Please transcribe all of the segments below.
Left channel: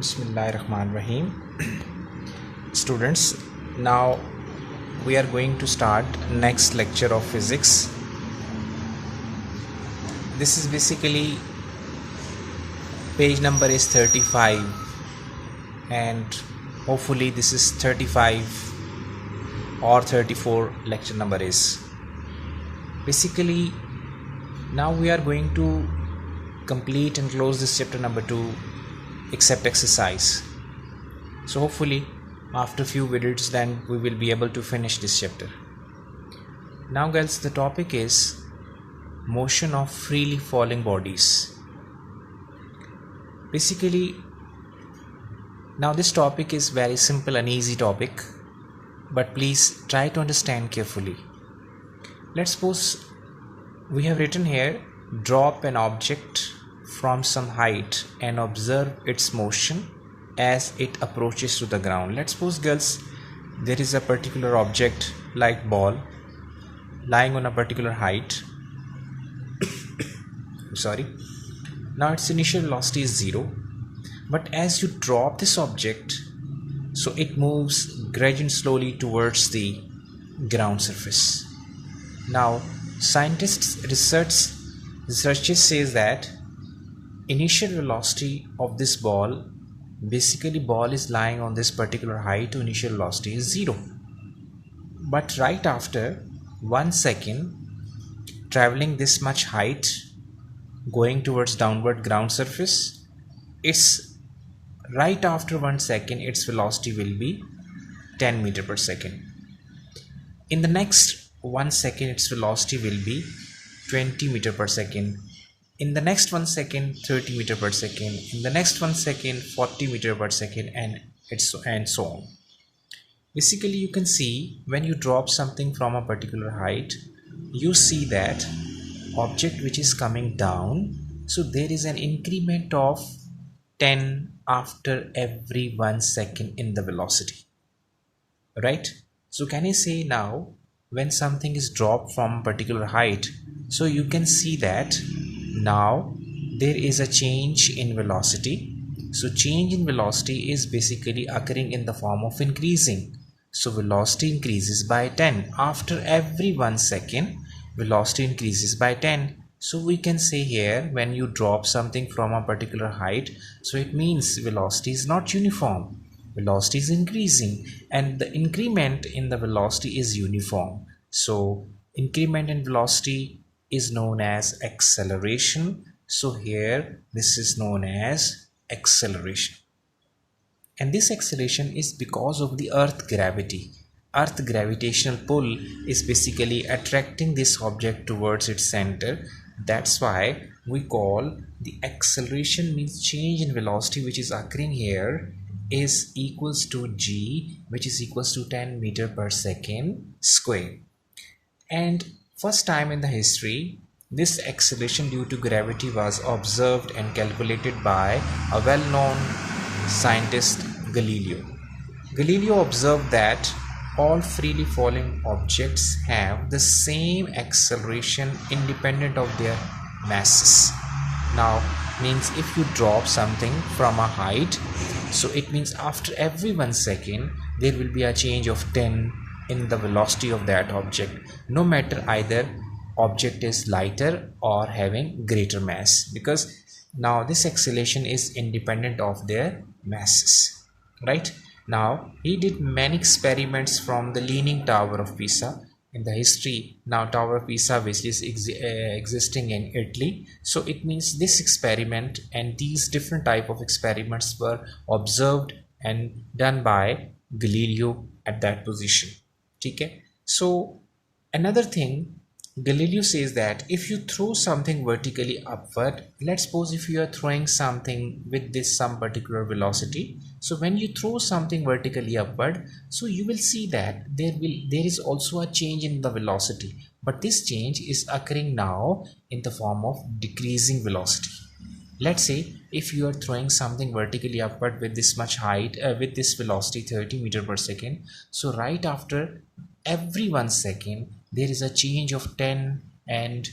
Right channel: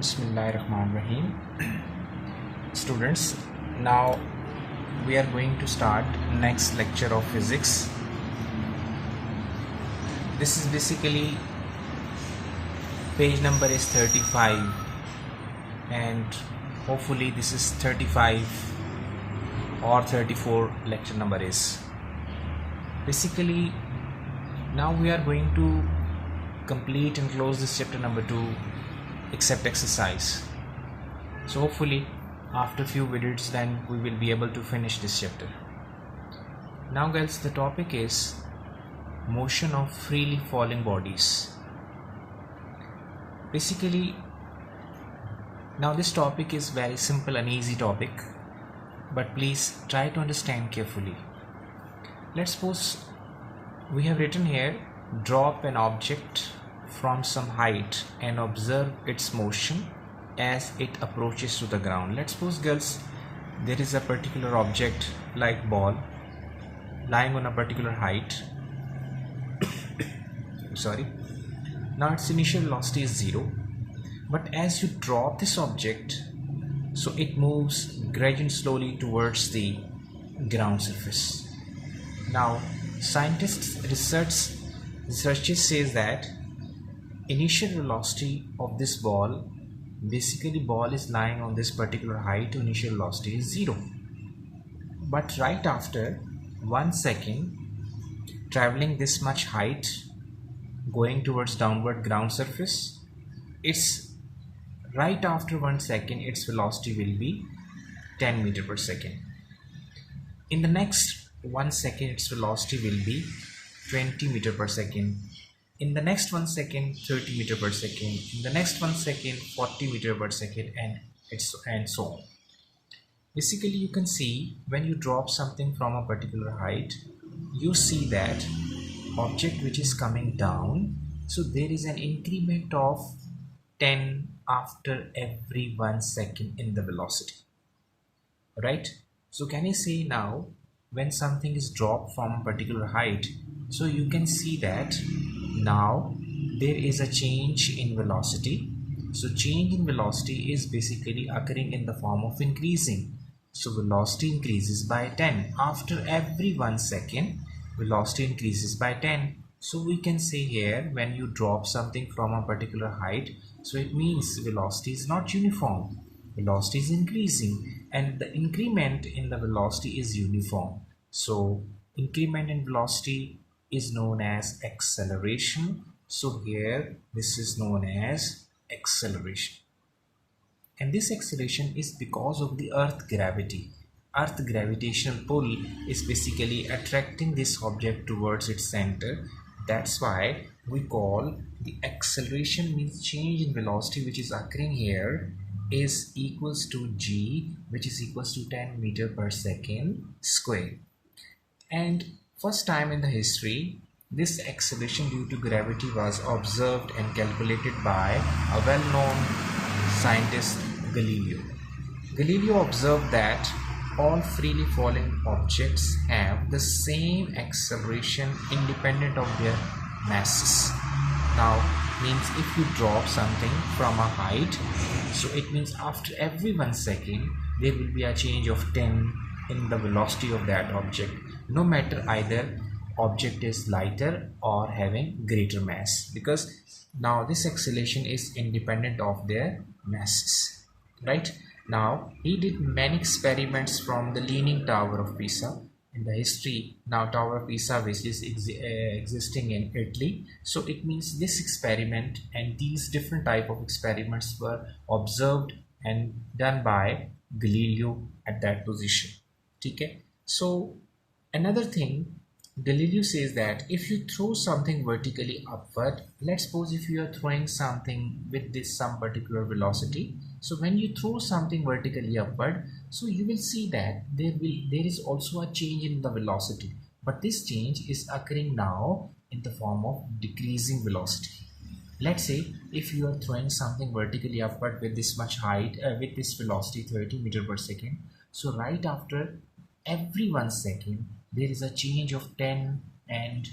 Bismillahirrahmanirrahim. Students, now we are going to start next lecture of physics. This is basically page number is 35 and hopefully this is 35 or 34 lecture number is. Basically now we are going to complete and close this chapter number 2 except exercise. So hopefully after few videos then we will be able to finish this chapter. Now guys, the topic is motion of freely falling bodies. Basically now this topic is very simple and easy topic, but please try to understand carefully. Let's suppose we have written here, drop an object from some height and observe its motion as it approaches to the ground. Let's suppose girls, there is a particular object like ball lying on a particular height. Sorry. Now its initial velocity is 0, but as you drop this object, so it moves gradually slowly towards the ground surface. Now scientists researchers says that initial velocity of this ball, basically ball is lying on this particular height, initial velocity is 0, but right after 1 second traveling this much height going towards downward ground surface, it's right after 1 second its velocity will be 10 meter per second. In the next 1 second its velocity will be 20 meter per second. In the next 1 second 30 meter per second. In the next 1 second 40 meter per second, and so on. Basically you can see when you drop something from a particular height, you see that object which is coming down, so there is an increment of 10 after every 1 second in the velocity, right? So can I say now when something is dropped from a particular height, so you can see that now there is a change in velocity. So change in velocity is basically occurring in the form of increasing. So velocity increases by 10 after every 1 second, velocity increases by 10. So we can say here when you drop something from a particular height, so it means velocity is not uniform, velocity is increasing, and the increment in the velocity is uniform. So increment in velocity is known as acceleration. So here this is known as acceleration, and this acceleration is because of the earth gravity. Earth gravitational pull is basically attracting this object towards its center. That's why we call the acceleration means change in velocity which is occurring here is equals to g, which is equals to 10 meter per second square. And first time in the history, this acceleration due to gravity was observed and calculated by a well-known scientist, Galileo. Galileo observed that all freely falling objects have the same acceleration independent of their masses. Now means if you drop something from a height, so it means after every 1 second there will be a change of 10 in the velocity of that object, no matter either object is lighter or having greater mass, because now this acceleration is independent of their masses, right? Now he did many experiments from the Leaning Tower of Pisa in the history. Now Tower of Pisa which is existing in Italy, so it means this experiment and these different type of experiments were observed and done by Galileo at that position. Okay, so another thing, Galileo says that if you throw something vertically upward, let's suppose if you are throwing something with this some particular velocity, so when you throw something vertically upward, so you will see that there is also a change in the velocity, but this change is occurring now in the form of decreasing velocity. Let's say if you are throwing something vertically upward with this much height, with this velocity 30 meter per second, so right after every 1 second there is a change of 10 and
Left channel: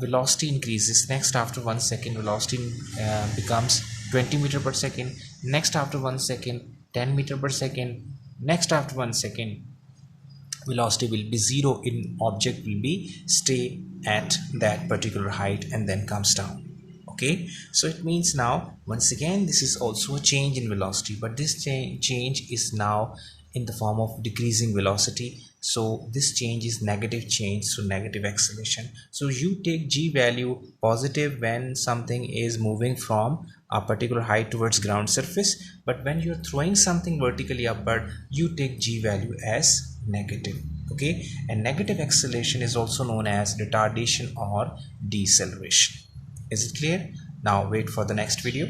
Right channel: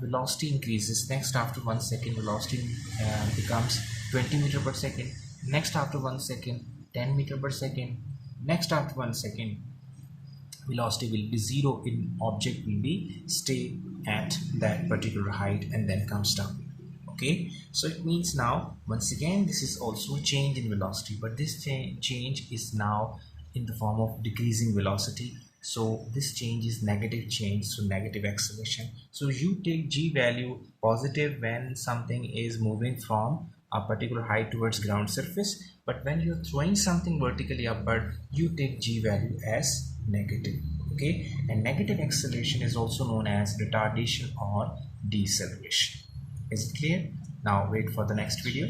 velocity increases. Next after 1 second velocity becomes 20 meter per second, next after 1 second 10 meter per second, next after 1 second velocity will be 0, in object will be stay at that particular height and then comes down. Okay, so it means now once again this is also a change in velocity, but this change is now in the form of decreasing velocity. So this change is negative change, so negative acceleration. So you take g value positive when something is moving from a particular height towards ground surface, but when you're throwing something vertically upward, you take g value as negative. Okay, and negative acceleration is also known as retardation or deceleration. Is it clear? Now wait for the next video.